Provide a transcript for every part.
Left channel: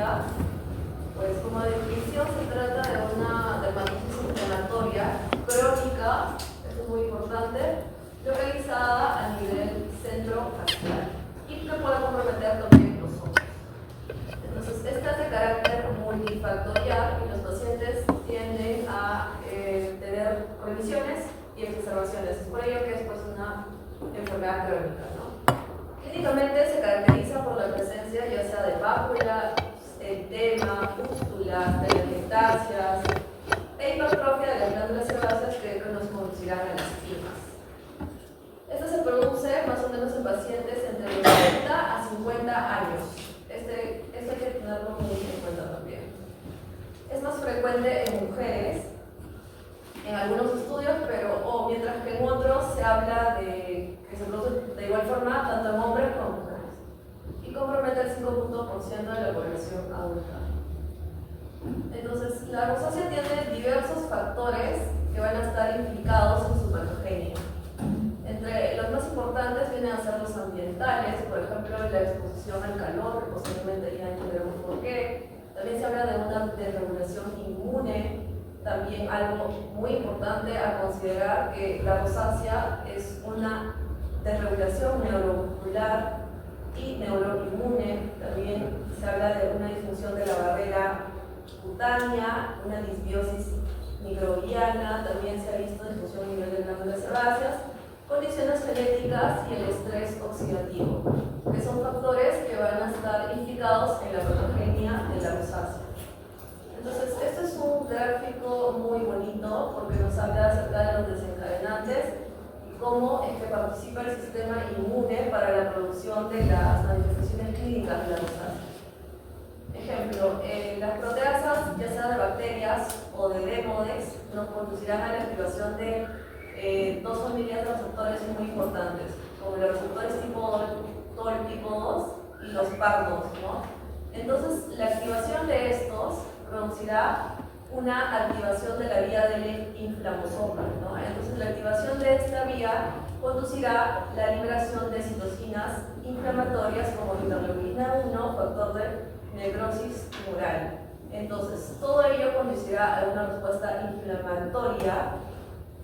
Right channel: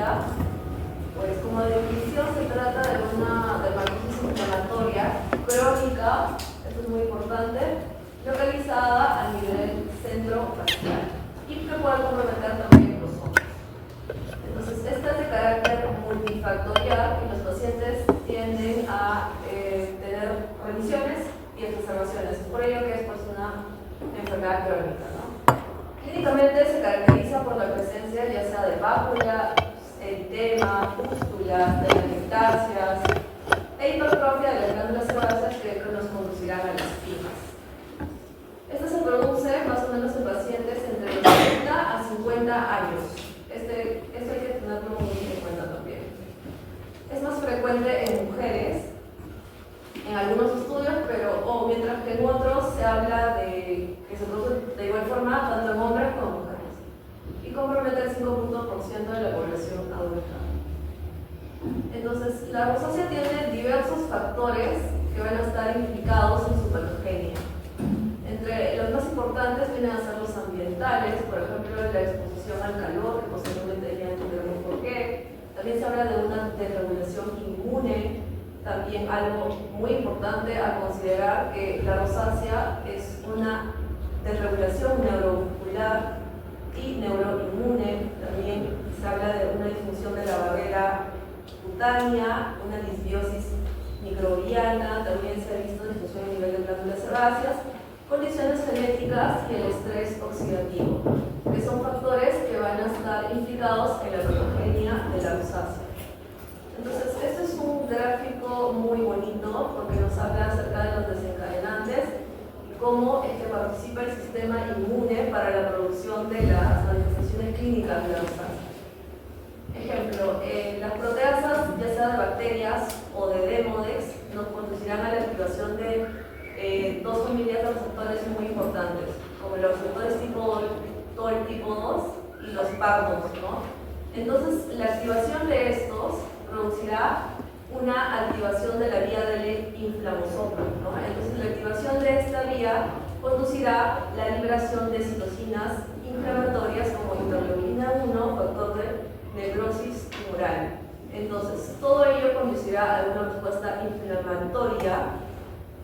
patología, pues como definición se trata de una dermatitis inflamatoria crónica, esto es muy importante, localizada a nivel centrofacial y que puede comprometer también los ojos. Entonces, esta es de carácter multifactorial y los pacientes tienden a tener remisiones y exacerbaciones. Es por ello que es pues, una enfermedad crónica, ¿no? Clínicamente se caracteriza por la presencia ya sea de pápula, edema, pústulas, telangiectasias e hipertrofia de las glándulas sebáceas que nos conducirán a las esquimas. Esta se produce más o menos en pacientes entre los 30 a 50 años. Esto hay que tenerlo muy en cuenta también. Es más frecuente en mujeres, en algunos estudios, pero mientras que en otros se habla de que se produce de igual forma tanto en hombres como en mujeres y compromete el 5% de la población adulta. Entonces, la rosácea tiene diversos factores que van a estar implicados en su patogenia. Entre los más importantes vienen a ser los ambientales, por ejemplo, la exposición al calor, que posteriormente ya entenderemos por qué. También se habla de una desregulación inmune, también algo muy importante a considerar que la rosácea es una desregulación neuromuscular y neuroinmune. También se habla de una disfunción de la barrera cutánea, una disbiosis microbiana, también se ha visto disfunción a nivel de glándulas sebáceas, condiciones genéticas y el estrés oxidativo, que son factores que van a estar implicados en la patogenia de la rosácea. Entonces, esto es un gráfico muy bonito porque nos habla acerca de los desencadenantes y cómo participa el sistema inmune para la producción de las manifestaciones clínicas de la rosácea. Ejemplo, las proteasas, ya sea de bacterias o de Demodex, nos conducirán a la activación de dos familias de receptores muy importantes, como los receptores tipo TOL tipo 2 y los PAR2, ¿no? Entonces, la activación de estos producirá una activación de la vía del inflamosoma, ¿no? Entonces, la activación de esta vía conducirá la liberación de citocinas inflamatorias como interleuquina 1, factor de necrosis tumoral. Entonces, todo ello conducirá a una respuesta inflamatoria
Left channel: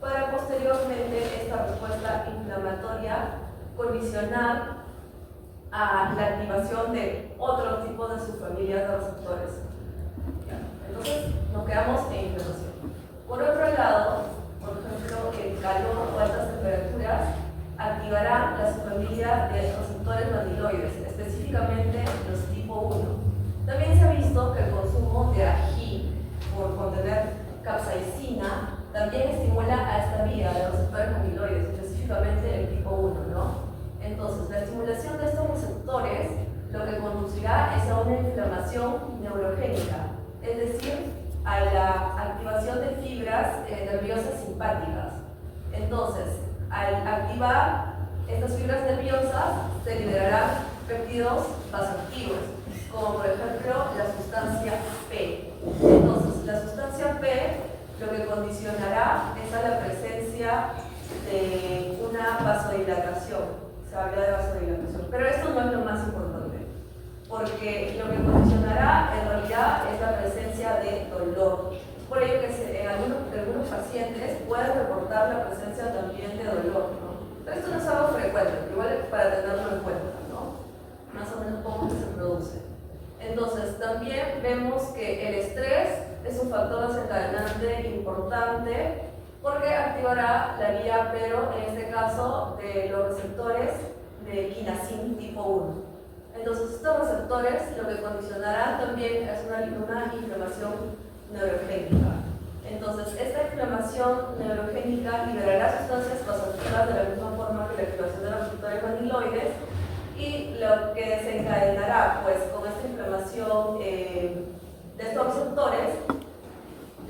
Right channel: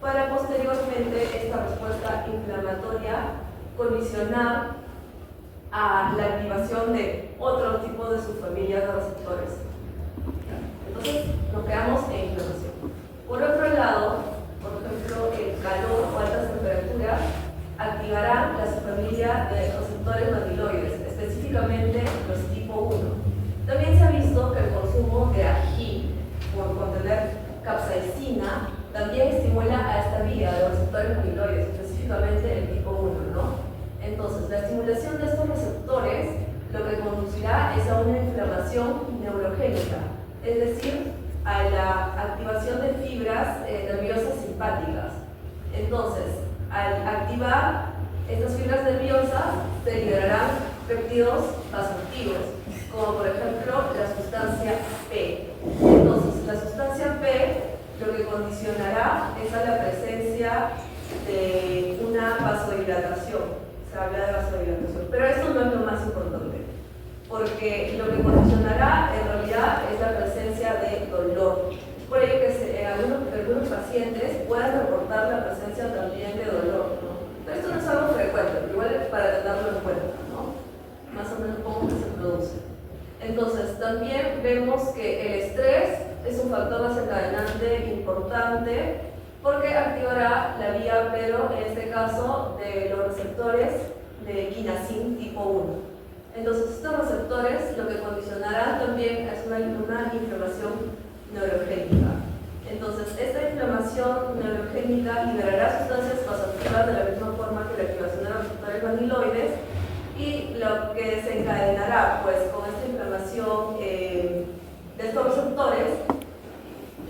para posteriormente esta respuesta inflamatoria condicionar a la activación de otro tipo de subfamilias de receptores. Entonces, nos quedamos en inflamación. Por otro lado, por ejemplo, el calor o altas temperaturas activarán la subfamilia de receptores matiloides, específicamente los tipo 1. También se ha visto que el consumo de ají, por contener capsaicina, también estimula a esta vía de receptores matiloides, específicamente el tipo 1, ¿no? Entonces, la estimulación de estos receptores lo que conducirá es a una inflamación neurogénica, es decir, a la activación de fibras nerviosas simpáticas. Entonces, al activar estas fibras nerviosas, se liberarán péptidos vasoactivos, como por ejemplo la sustancia P. Entonces, la sustancia P lo que condicionará es a la presencia de una vasodilatación. Se habla de vasodilatación, pero esto no es lo más importante, porque lo que condicionará en realidad es la presencia de dolor. Por ello que en algunos pacientes pueden reportar la presencia también de dolor, ¿no? Pero esto no es algo frecuente, pero igual es para tenerlo en cuenta, ¿no? Más o menos cómo se produce. Entonces, también vemos que el estrés es un factor desencadenante importante porque activará la vía, pero en este caso de los receptores de quinacin tipo 1. Entonces, estos receptores lo que condicionarán también es una inflamación neurogénica. Entonces, esta inflamación neurogénica liberará sustancias vasoactivas de la misma forma que la activación de los receptores amiloides y lo que desencadenará, pues, con esta inflamación de estos receptores,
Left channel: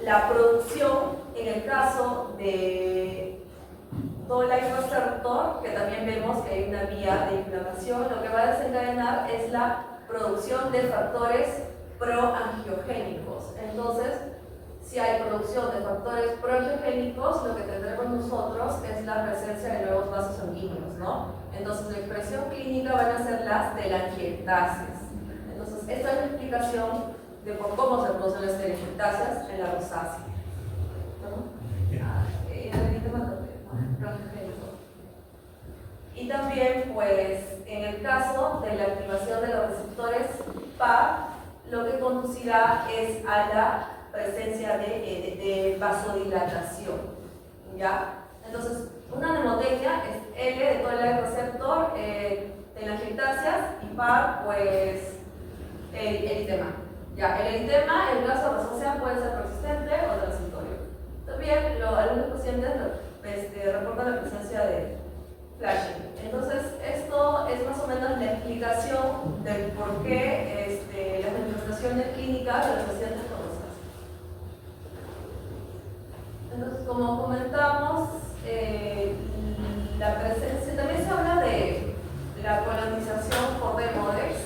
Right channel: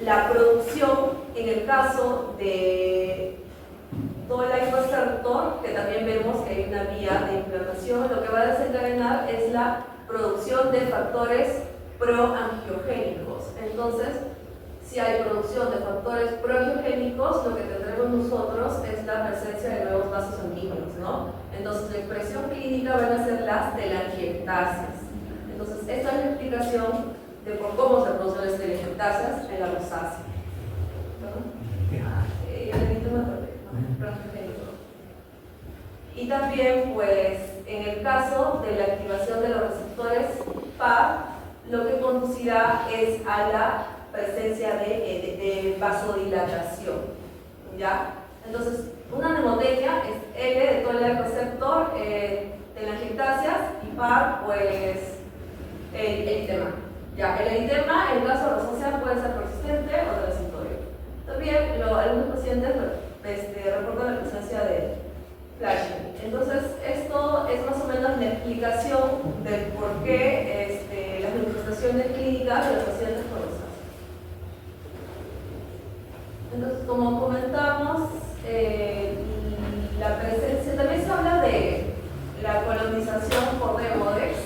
la producción, en el caso de receptor, que también vemos que hay una vía de inflamación, lo que va a desencadenar es la producción de factores proangiogénicos. Entonces, si hay producción de factores proangiogénicos, lo que tendremos nosotros es la presencia de nuevos vasos sanguíneos, ¿no? Entonces, la expresión clínica van a ser las telangiectasias. Entonces, esta es la explicación de por cómo se producen las telangiectasias en la rosácea. Y también, pues, en el caso de la activación de los receptores PAR, lo que conducirá es a la presencia de vasodilatación, ¿ya? Entonces, una mnemotecnia es L de todo el receptor, telangiectasias, y PAR, pues, el eritema. Ya, el eritema, en caso de rosácea, puede ser persistente o transitorio. También, algunos pacientes reportan la presencia de flashing. Entonces, esto es más o menos la explicación del por qué las manifestaciones clínicas de los pacientes con rosácea. Entonces, como comentamos, la presencia, también se habla de la colonización por Demodex,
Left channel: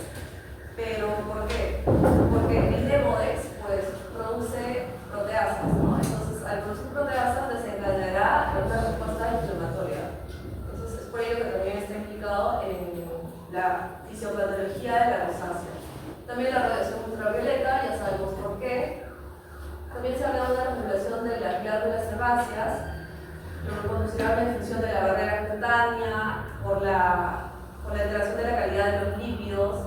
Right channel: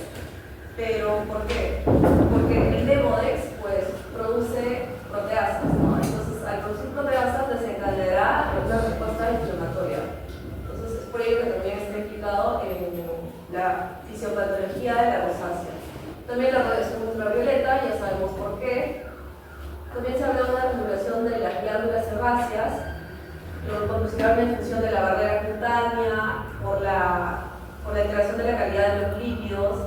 pero ¿por qué? Porque el Demodex pues, produce proteasas, ¿no? Entonces, al producir proteasas desencadenará una respuesta inflamatoria. Entonces, es por ello que también está implicado en la fisiopatología de la rosácea. También la radiación ultravioleta, ya sabemos por qué. También se habla de una regulación de las glándulas sebáceas, lo que conducirá a una infección de la barrera cutánea por la alteración de la calidad de los lípidos.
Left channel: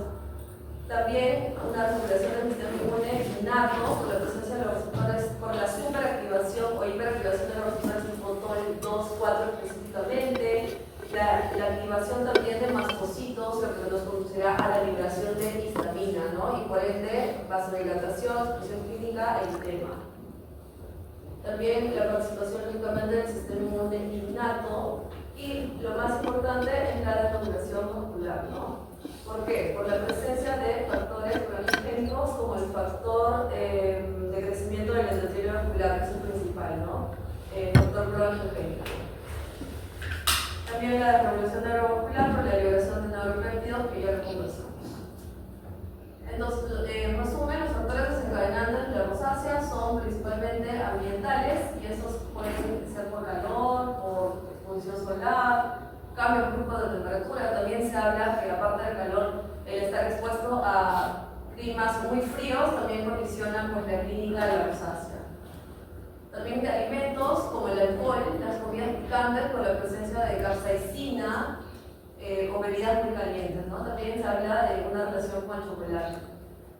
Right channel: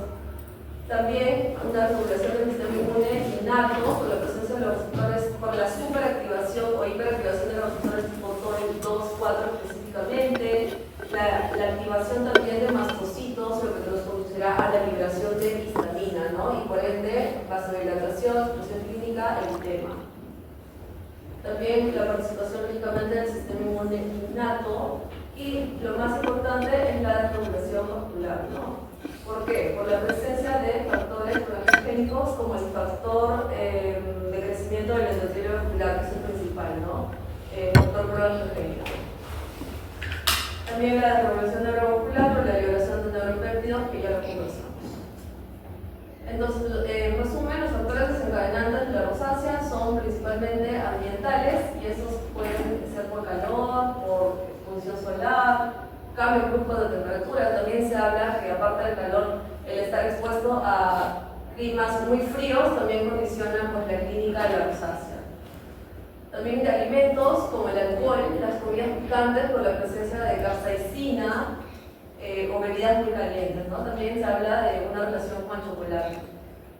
También una regulación del sistema inmune innato por la presencia de los receptores, por la superactivación o hiperactivación de los receptores tipo TOL2, 4 específicamente. La activación también de mastocitos, lo que nos conducirá a la liberación de histamina, ¿no? Y por ende, vasodilatación, expresión clínica, eritema. También la participación únicamente del sistema inmune innato. Y lo más importante es la regulación vascular, ¿no? ¿Por qué? Por la presencia de factores progénicos como el factor de crecimiento del endotelio vascular, que es el principal, ¿no? Factor progénico. También la regulación neurovascular por la liberación de neuropéptidos, que ya lo conversamos. Entonces, en resumen, los factores desencadenantes de la rosácea son principalmente ambientales, y esos pueden ser por calor, por exposición solar, cambio brusco de temperatura. También se habla que aparte del calor, el estar expuesto a climas muy fríos también condicionan pues, la clínica de la rosácea. También de alimentos como el alcohol, las comidas picantes por la presencia de capsaicina o bebidas muy calientes, ¿no? También se habla de una relación con el chocolate.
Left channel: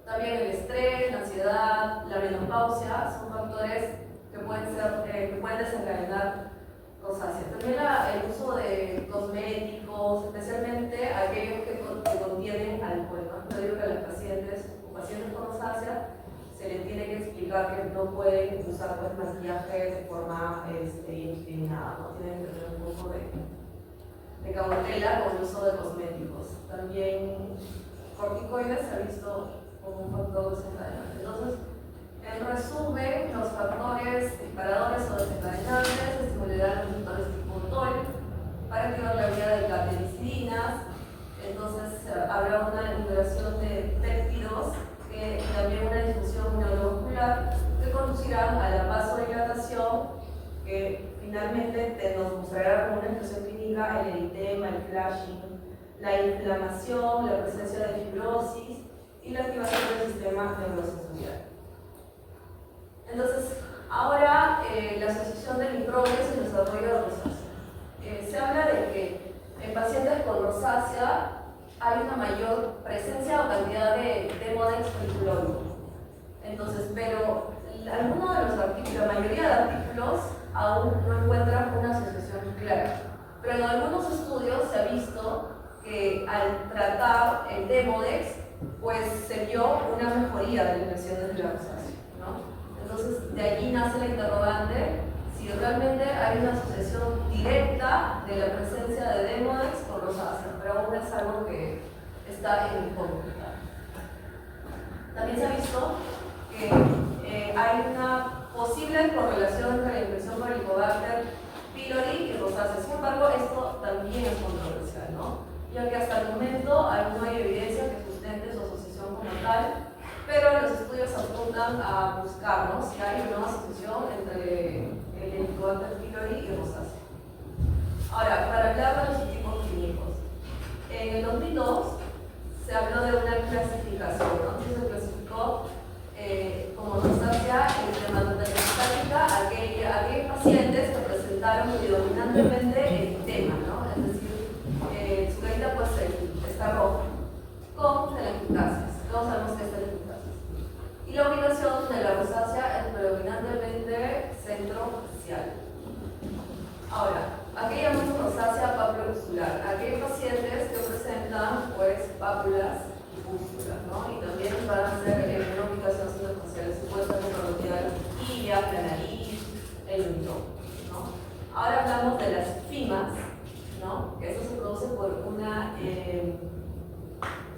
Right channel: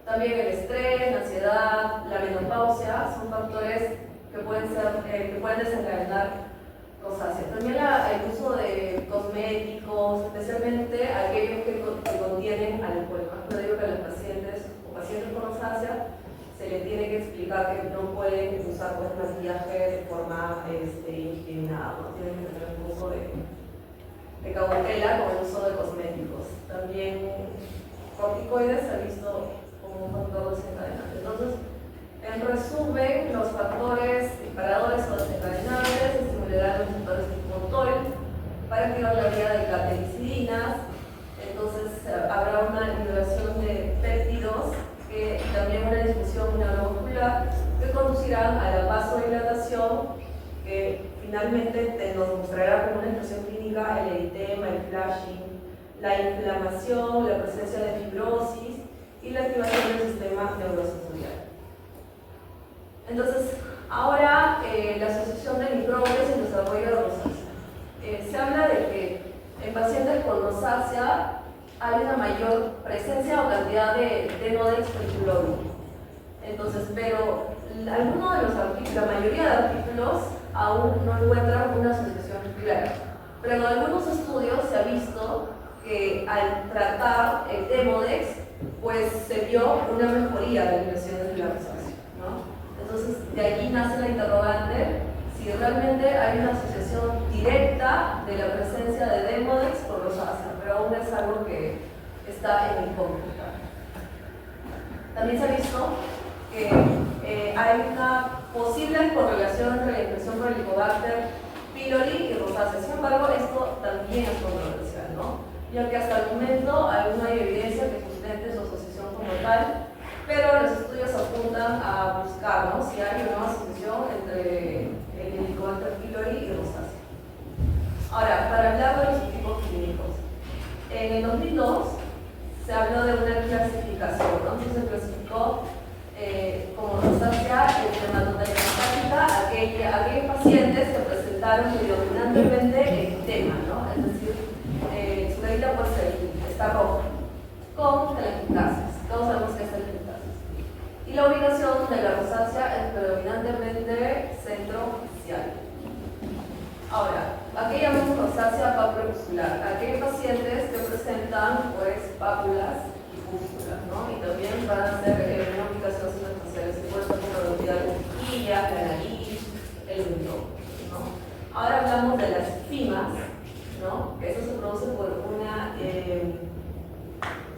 También el estrés, la ansiedad, la menopausia son factores que pueden desencadenar rosácea. También el uso de cosméticos, especialmente aquellos que contienen alcohol. Yo digo que a los pacientes o pacientes con rosácea se les tiene que explicar que no pueden usar pues, maquillaje de forma indiscriminada, ¿no? Tienen que tener un uso de cautela con el uso de cosméticos. También corticoides se ha visto como un factor desencadenante. Entonces, en resumen, los factores disparadores o desencadenantes estimularán los receptores tipo TOL para activar la vía de catequicidinas. Entonces, habrá una liberación de péptidos y también una disfunción neurovascular que conducirán a la vasodilatación, que finalmente nos mostrará como una expresión clínica el eritema, el flashing, la inflamación, la presencia de fibrosis y la activación del sistema neurosensorial. Entonces, ahora la asociación de microbios y el desarrollo de rosácea. Se habla de que en pacientes con rosácea hay una mayor presencia o cantidad de Demodex trifluoride. Entonces, pero algunos de los artículos, la mayoría de artículos aún no encuentran una asociación clara. Pero en algunos estudios se ha visto que al tratar el Demodex, pues se vio una mejoría de las lesiones de la rosácea, ¿no? Entonces, de allí nace la interrogante si realmente hay una asociación directa de la presencia de Demodex con rosácea, pero aún es algo que está en incógnita. También se ha visto que hay una posible correlación entre la infección por Helicobacter pylori y rosácea. Sin embargo, esto también es controversial, ¿no? Ya que hasta el momento aún no hay evidencia que sustente su asociación como tal, pero los estudios apuntan a buscar, ¿no? Si hay una asociación entre el Helicobacter pylori y rosácea. Ahora, para hablar de los tipos clínicos, en el 2002 se habló de una clasificación, ¿no? Entonces se clasificó como rosácea dermatotelestática aquellos pacientes que presentaron predominantemente eritema, ¿no? Es decir, su carita puede ser, está roja, con telangiectasias. Todos sabemos que es telangiectasias. Y la ubicación de la rosácea es predominantemente centrofacial. Ahora, aquí llamamos rosácea papulopustular, aquellos pacientes que presentan pues pápulas y pústulas, ¿no? Y también van a ser una ubicación centrofacial, se puede estar comprometida la mejilla, la nariz, el mentón, ¿no? Ahora hablamos de las fimas, ¿no? Que eso se produce por una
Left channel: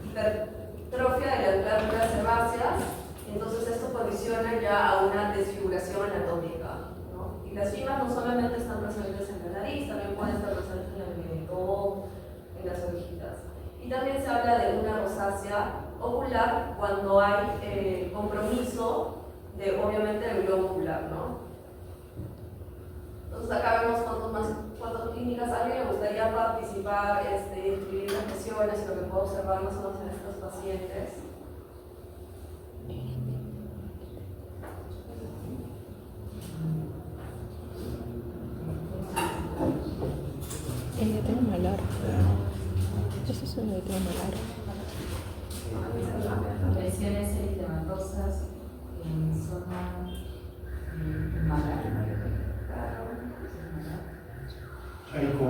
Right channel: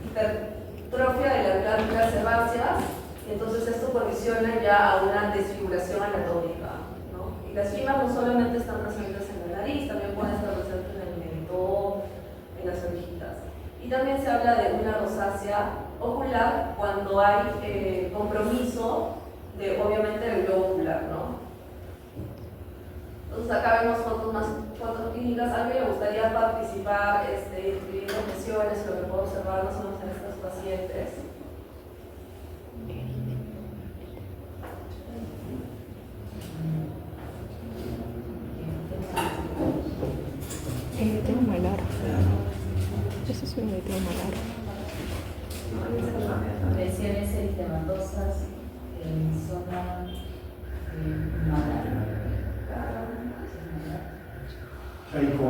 hipertrofia de las glándulas sebáceas, y entonces esto condiciona ya a una desfiguración anatómica, ¿no? Y las fimas no solamente están presentes en la nariz, también pueden estar presentes en el mentón, en las orejitas. Y también se habla de una rosácea ocular cuando hay compromiso de, obviamente, del globo ocular, ¿no? Entonces acá vemos fotos clínicas. ¿A alguien le gustaría participar, inscribir las lesiones, lo que puedo observar más o menos en estos pacientes? Eritema malar. Eso es un eritema malar. Lesiones eritematosas en zona malar. Chaiko,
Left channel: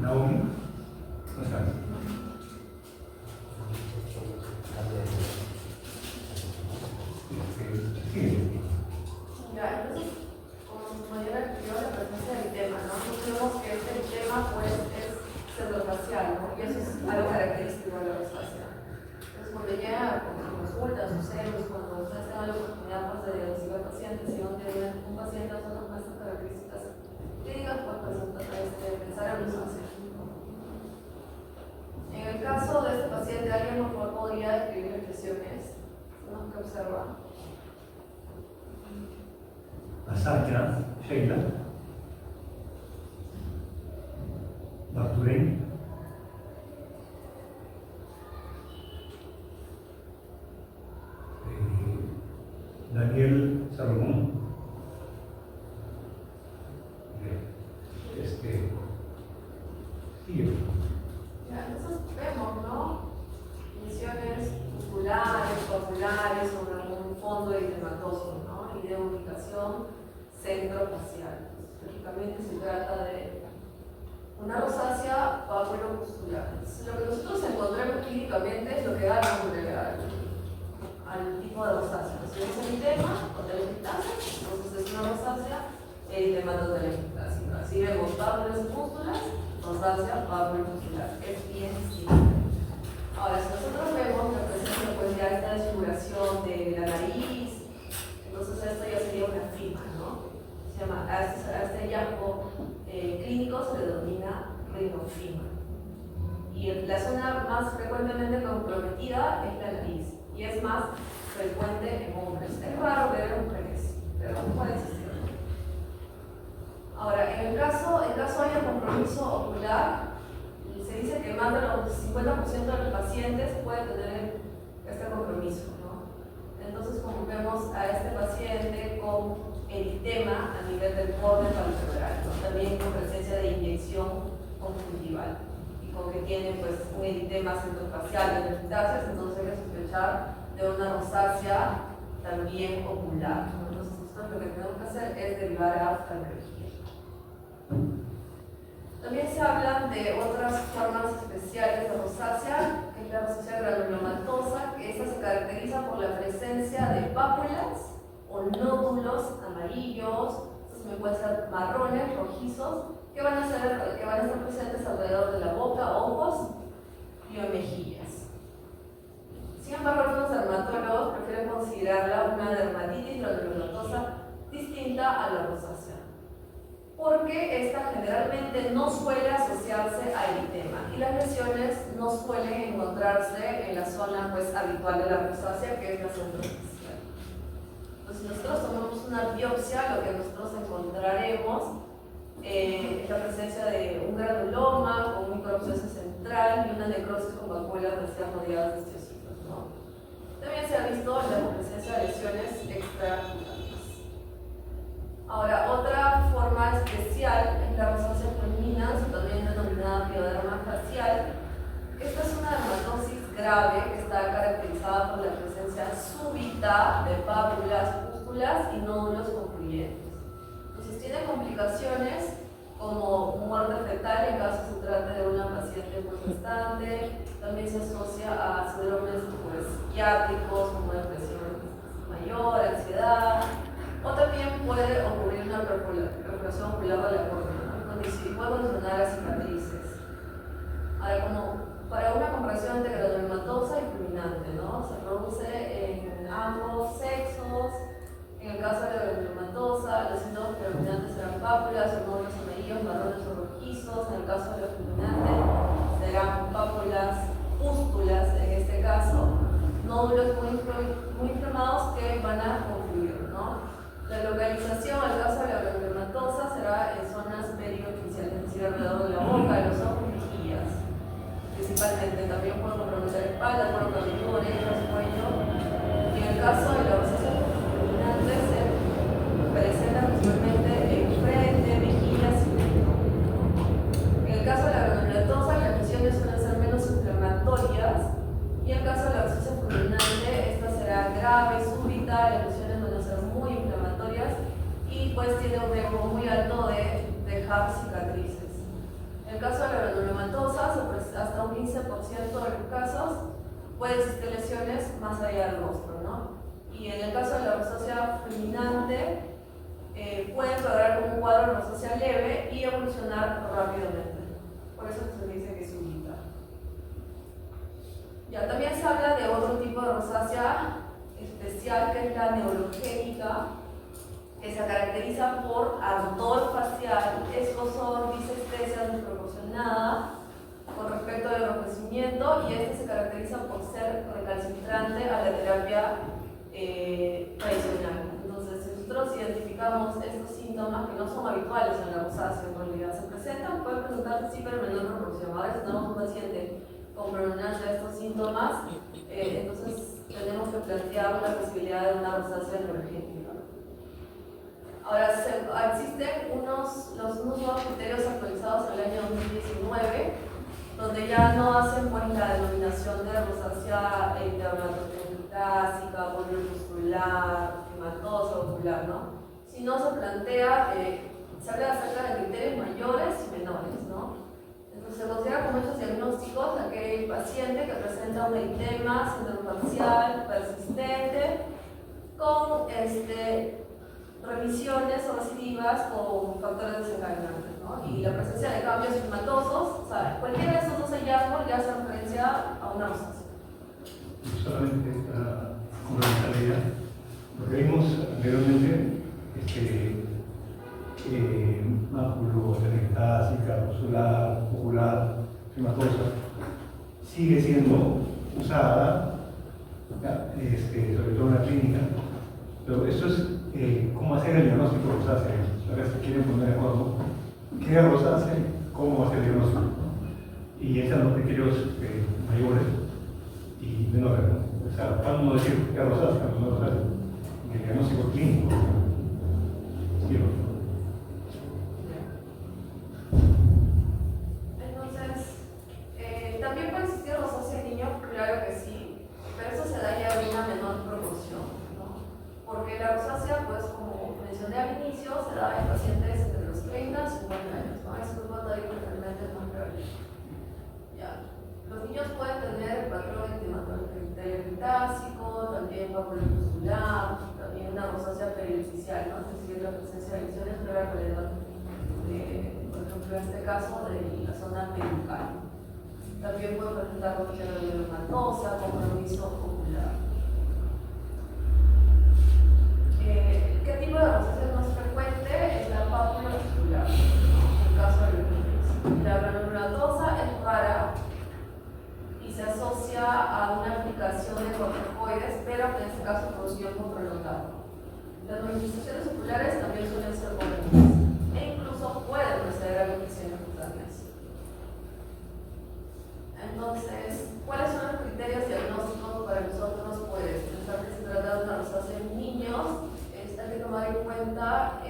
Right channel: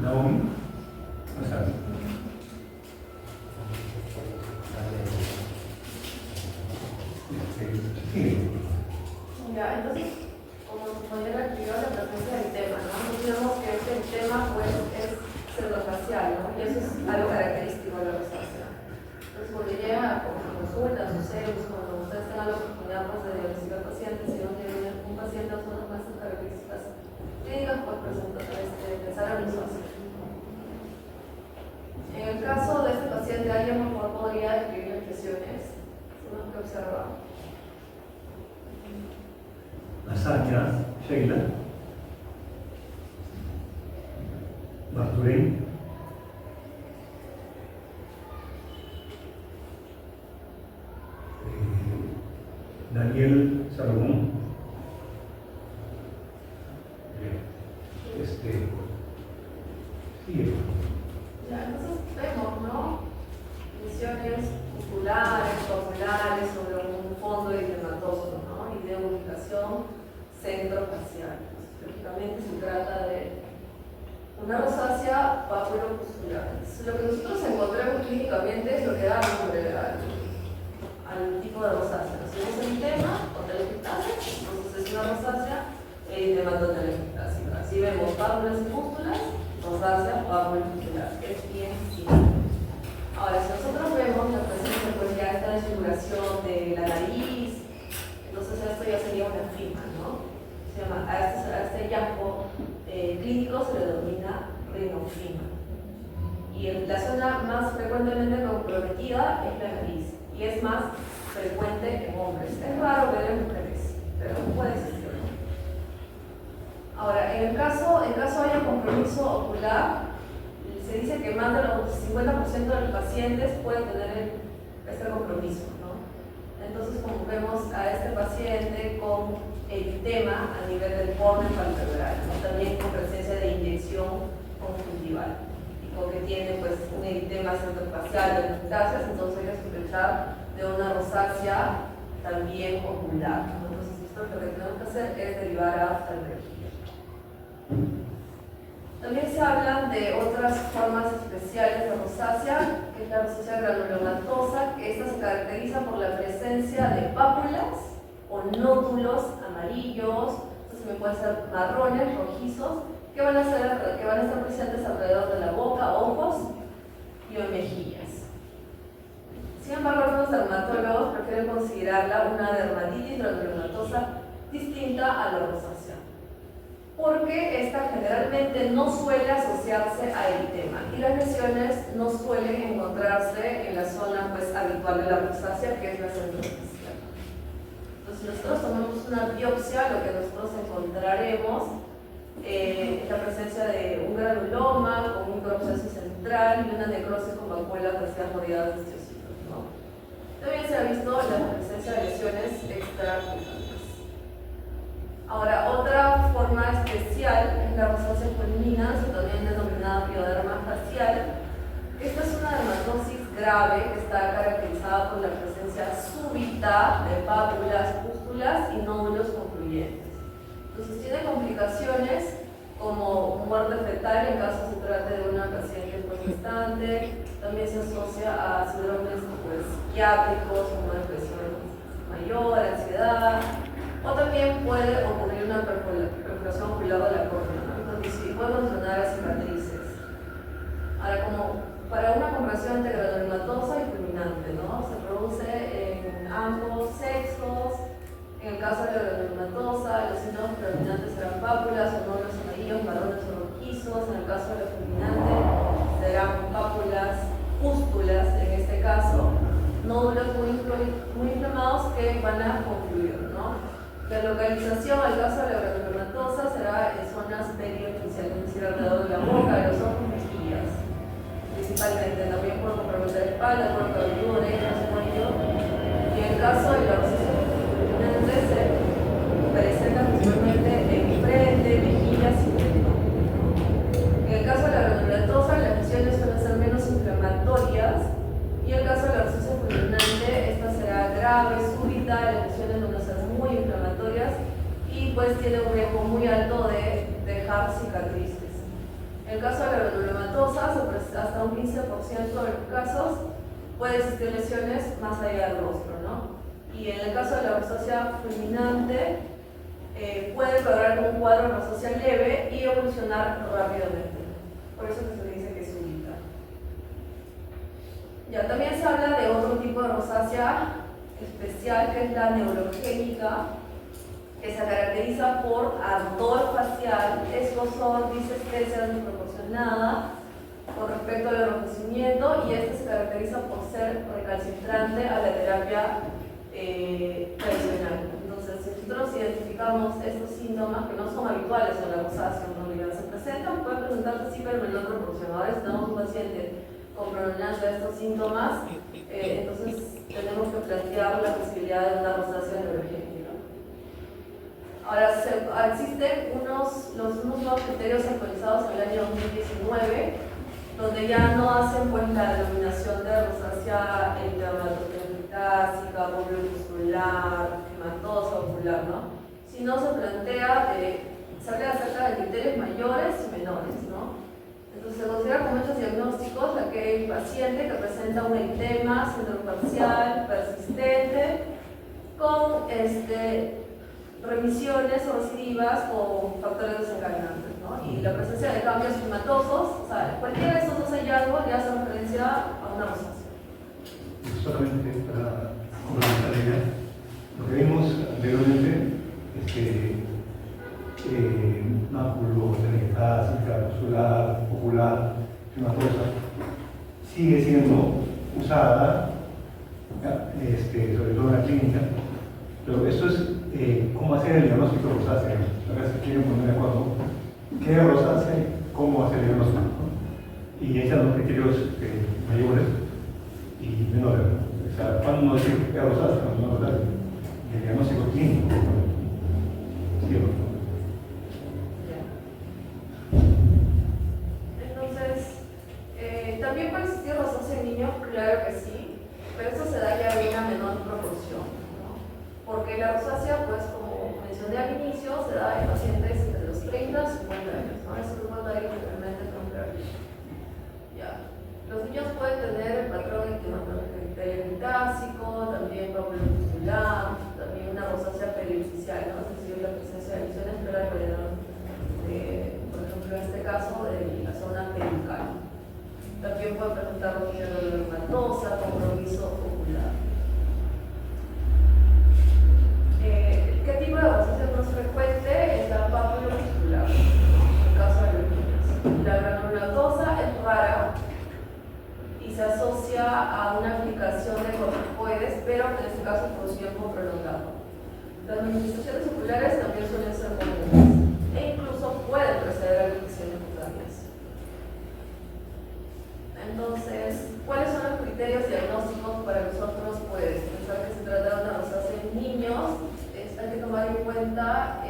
Naomi, o sea, Ya, entonces, como nos podría activar la presencia del tema, ¿no? Tenemos que este tema pues es centrofacial, ¿no? Y eso es algo característico de la rosácea. Entonces, cuando llega con consultas o ceros, cuando ustedes tengan la oportunidad pues, de diagnosticar pacientes, si uno tiene un paciente con estas características clínicas, pues pensar en rosácea. En el caso de este paciente, ¿alguien por favor podría describir las lesiones? Son las que observan. Asakya, Sheila, Barturén, Daniel Salomón, sigue. Ya, entonces vemos, ¿no? Lesiones oculares, papulares sobre un fondo eritematoso, ¿no? Y de ubicación centrofacial. Específicamente se trata de una rosácea papulopustular. Lo que nosotros encontramos clínicamente es lo que da nombre al tipo de rosácea. Si es eritema o telangiectasia, entonces es una rosácea eritematotelangiectasia. Así vemos pápulas y pústulas, rosácea papulopustular. Es bien simple. Ahora, si nosotros vemos la presencia pues ya esta desfiguración de la nariz, entonces esto ya sería una fima, ¿no? Se llama, a este hallazgo clínico se le denomina rinofima. Y la zona más frecuentemente comprometida es la nariz, y es más frecuente en hombres. Es raro ver en mujeres, pero puede existir. Ahora, en caso haya compromiso ocular, se dice que más del 50% de los pacientes pueden tener este compromiso, ¿no? Entonces, como vemos a este paciente con eritema a nivel del borde palpebral, ¿no? También con presencia de inyección conjuntival, y con que tiene pues un eritema centrofacial de metástasis, entonces hay que sospechar de una rosácea también ocular, ¿no? Entonces, nosotros lo que tenemos que hacer es derivar a oftalmología. También se hablan de otras formas especiales de rosácea, que es la rosácea granulomatosa, que esta se caracteriza por la presencia de pápulas o nódulos amarillos, estos también pueden ser marrones, rojizos, que van a estar presentes alrededor de la boca, ojos y o mejillas. Sin embargo, algunos dermatólogos prefieren considerarla una dermatitis granulomatosa distinta a la rosácea, porque esta generalmente no suele asociarse a eritema y las lesiones no suelen encontrarse en la zona pues, habitual de la rosácea, que es la centrofacial. Entonces, si nosotros tomamos una biopsia, lo que nosotros encontraremos es la presencia de un granuloma con un microabsceso central y una necrosis con vacuolas vacías rodeadas de osteocitos, ¿no? También se ha visto la presencia de lesiones extracutáneas. Ahora, otra forma especial es la rosácea fulminans, también denominada pioderma facial. Esta es una dermatosis grave que está caracterizada por la presencia súbita de pápulas, pústulas y nódulos concluyentes. Entonces tiene complicaciones como muerte fetal en caso se trate de una paciente constante. También se asocia a síndromes psiquiátricos como depresión mayor, ansiedad, o también puede ocurrir una perforación ocular de la córnea, ¿no? Donde sí puede funcionar a cicatrices. Ahora, como para una comparación entre granulomatosa y fulminante, ¿no? Se produce en ambos sexos. En el caso de la granulomatosa, los síntomas predominantes serán pápulas o nódulos amarillos, marrones o rojizos. En el caso de la fulminante, serán pápulas, pústulas en este caso, nódulos muy inflamados que van a confluir, ¿no? La localización, en el caso de la granulomatosa, será en zonas periofaciales, es decir, alrededor de la boca, de los ojos y mejillas. Principalmente, también puede comprometer la espalda, cuerpo cabelludo, orejas, cuello. Y en el caso de la rosácea fulminante, se presenta principalmente en frente, mejillas y cuello. En el caso de la granulomatosa, las lesiones suelen ser menos inflamatorias. Y en el caso de la rosácea fulminante, esta será grave, súbita, las lesiones van a ser muy inflamatorias y pues tiene un riesgo muy alto de dejar cicatrices. En el caso de la granulomatosa, hasta un 15% de los casos puede existir lesiones más allá del rostro, ¿no? Y en el caso de la rosácea fulminante, puede lograr un cuadro de rosácea leve y evolucionar rápidamente. Por eso se dice que es súbita. Ya, también se habla de otro tipo de rosácea especial que es la neurogénica, que se caracteriza por ardor facial, escozor, disestesia desproporcionada con respecto al enrojecimiento, y este se caracteriza por ser recalcitrante a la terapia tradicional. Entonces, si nosotros identificamos estos síntomas que no son habituales en la rosácea, en realidad se presentan, pueden presentarse sí, pero en menor proporción. Ahora, si tenemos un paciente con predominancia de estos síntomas, entonces tenemos que plantear la posibilidad de una rosácea neurogénica. Ahora, existen unos nuevos criterios actualizados en el año 2019, donde ya no hacen pues la denominación de rosácea dermatoclásica, muscular, hematosa, ocular, ¿no? Sino se plantea, se habla acerca de criterios mayores y menores, ¿no? Entonces se considera como hechos diagnósticos aquel paciente que presenta un eritema centrofacial persistente con remisiones o recidivas con factores desencadenantes, ¿no? Y la presencia de cambios hematosos, o sea, cualquiera de esos dos hallazgos le hace referencia a una rosácea. Solamente para complementar la idea, lo que vimos anteriormente es que máculo, metastásica, postular, ocular, hematosa, sigue siendo usada, sobre todo en la clínica, pero eso es cómo hacer el diagnóstico de rosácea. A ver si quieren poner de acuerdo qué es rosácea y cómo hacer el diagnóstico, ¿no? Y ahí están los criterios mayores y menores, ¿no? O sea, ¿cuándo no decir qué es rosácea? No es rosácea. El diagnóstico clínico. ¿Sí o no? También puede existir rosácea en niños, claro que sí, pero eso se da ya en una menor proporción, ¿no? Porque la rosácea, pues como mencioné al inicio, se da en pacientes entre los 30 y 50 años, ¿no? Es un grupo de realmente contrario. Ya. Los niños pueden tener el patrón teleclitásico, también pápulo muscular, también una rosácea perificial, ¿no? Es decir, la presencia de lesiones pero alrededor de, por ejemplo, en este caso, de la zona perical. También puede presentar rosácea granulomatosa, compromiso ocular. ¿Qué tipo de rosácea es más frecuente? Es la pápula muscular, en el caso de los niños. La granulomatosa es rara y se asocia a una aplicación de corticoides, pero en este caso por un tiempo prolongado. Las manifestaciones oculares también suelen ser comunes e incluso pueden preceder a infecciones cutáneas. Entonces, ¿cuáles son los criterios diagnósticos para nosotros? Pues pensar que se trata de una rosácea en niños, hay que tomar en cuenta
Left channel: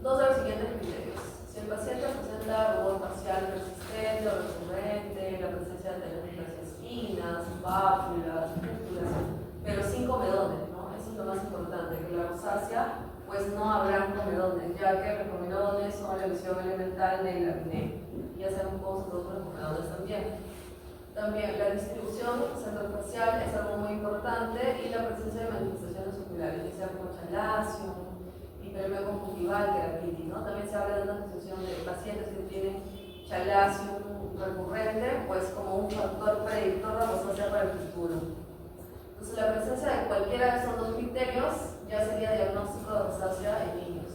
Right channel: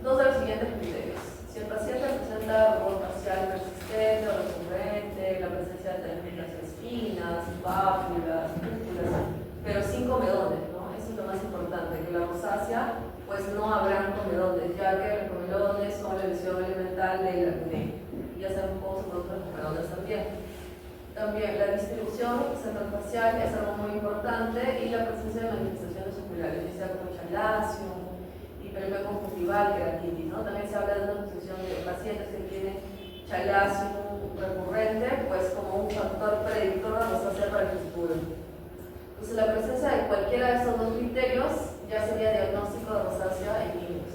dos de los siguientes criterios. Si el paciente presenta rubor facial persistente o recurrente, la presencia de telas espinas, pápulas, pústulas, pero sin comedones, ¿no? Eso es lo más importante, que la rosácea pues no habrá comedones, ya que los comedones son la visión elemental del acné. Ya sabemos cómo se producen los comedones también. También la distribución centrofacial es algo muy importante y la presencia de manifestaciones oculares, ya sea como chalacio, hiperemia conjuntival, queratitis, ¿no? También se habla de una discusión de pacientes que tienen chalacio recurrente, pues como un factor predictor de rosácea para el futuro. Entonces, la presencia de cualquiera de estos dos criterios ya sería diagnóstico de rosácea en niños.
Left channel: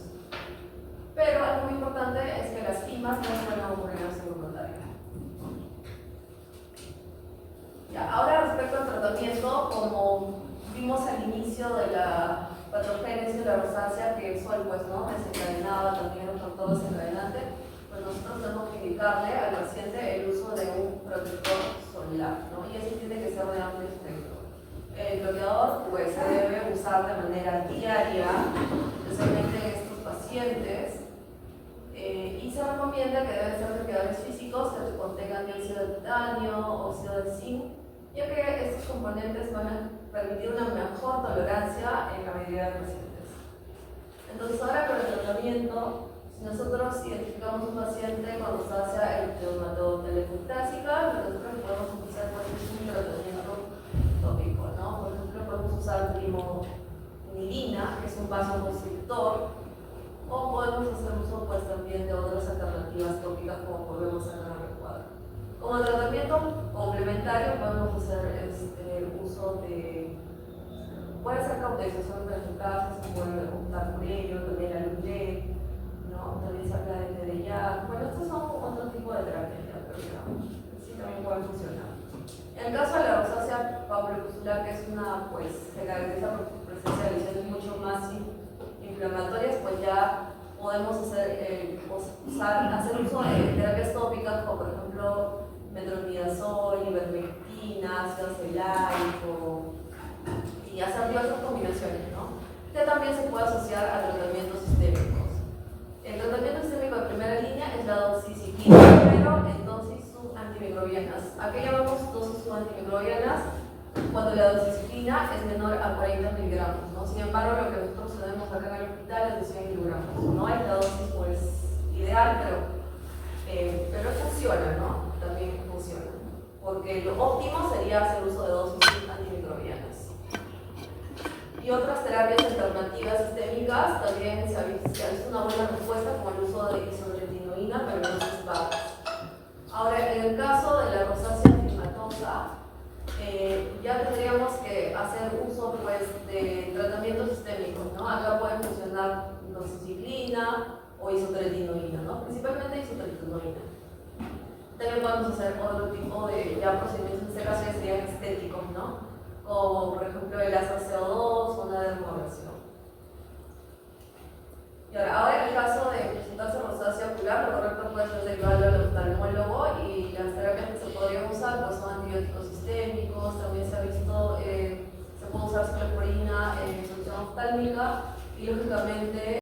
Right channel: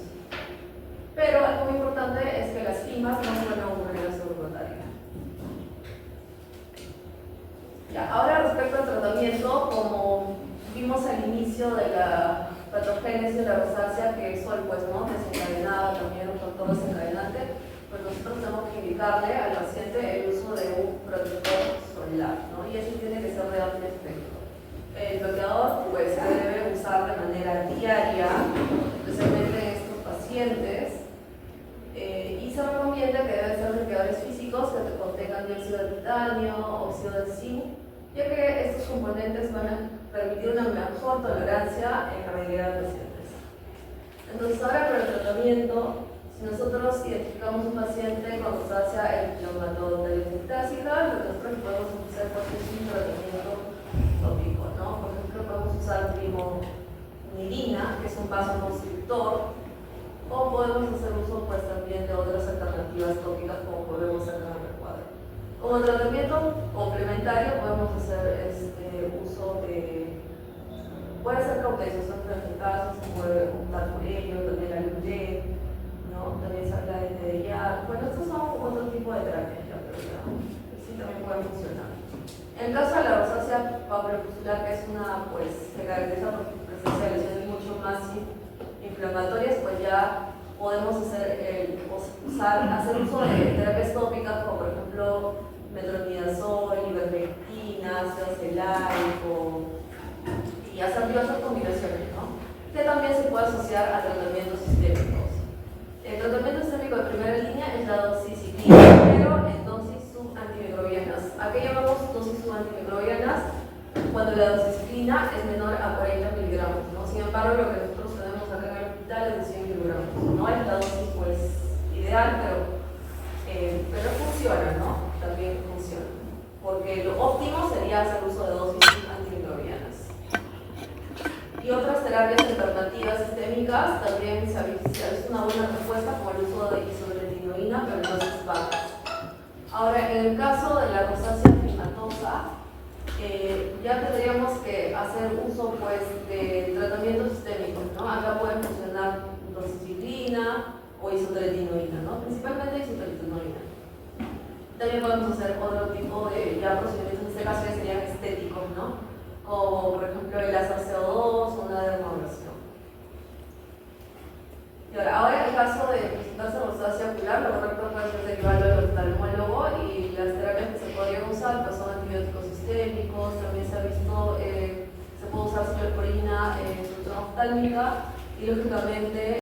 Pero algo muy importante es que las pimas no suelen ocurrir en subrotaria. Ya, ahora respecto al tratamiento, como vimos al inicio de la patogénesis de la rosácea, que es pues, ¿no? Desencadenada también, un factor desencadenante, pues nosotros tenemos que indicarle al paciente el uso de un protector solar, ¿no? Y ese tiene que ser de amplio espectro. El bloqueador pues, se debe usar de manera diaria, especialmente en estos pacientes, y se recomienda que deben ser bloqueadores físicos que contengan dióxido de titanio, óxido de zinc, ya que estos componentes van a permitir una mejor tolerancia en la mayoría de pacientes. Entonces, ahora para el tratamiento, si nosotros identificamos un paciente con rosácea dermatotelefactásica, nosotros podemos usar un tratamiento tópico, ¿no? Por ejemplo, podemos usar primolirina, que es un vasoconstrictor, o podemos hacer uso pues, también de otras alternativas tópicas, como podemos hacer en el cuadro. Como tratamiento complementario, podemos hacer uso de. Puede ser cautelización transmucasa, se puede untar por ello, también la lulé, ¿no? También se habla de TDIA. Bueno, estos son otro tipo de terapias, ya, pero ya, sí también pueden funcionar. En el caso de la rosácea papulopustular, que es una, pues, se caracteriza por su presencia de lesiones mucho más inflamatorias, pues ya podemos hacer uso de terapias tópicas, como por ejemplo metronidazol, ivermectina, ácido acelaico, y hacer diversas combinaciones, ¿no? Que también se puede asociar a tratamientos sistémicos. El tratamiento sistémico de primera línea es la doxiciclina, pero en dosis subantimicrobianas. ¿A qué llamamos dosis subantimicrobianas? Cuando la doxiciclina es menor a 40 miligramos, ¿no? Sin embargo, lo que nosotros tenemos acá en el hospital es de 100 miligramos. No es la dosis pues, ideal, pero funciona, ¿no? También funciona. Porque lo óptimo sería hacer uso de dosis antimicrobianas. Y otras terapias alternativas sistémicas también se ha visto una buena respuesta con el uso de isotretinoína, pero en dosis bajas. Ahora, en el caso de la rosácea fibromatosa, ya tendríamos que hacer uso pues, de tratamientos sistémicos, ¿no? Acá pueden funcionar doxiciclina o isotretinoína, ¿no? Principalmente isotretinoína. También podemos hacer otro tipo de procedimientos, en este caso ya serían estéticos, ¿no? Como por ejemplo el láser CO2 o una dermoabrasión. Y ahora en el caso de presentarse rosácea ocular, lo correcto puede ser derivarlo al oftalmólogo y las terapias que se podrían usar pues, son antibióticos sistémicos, también se ha visto, se puede usar cefalorina en solución oftálmica y lógicamente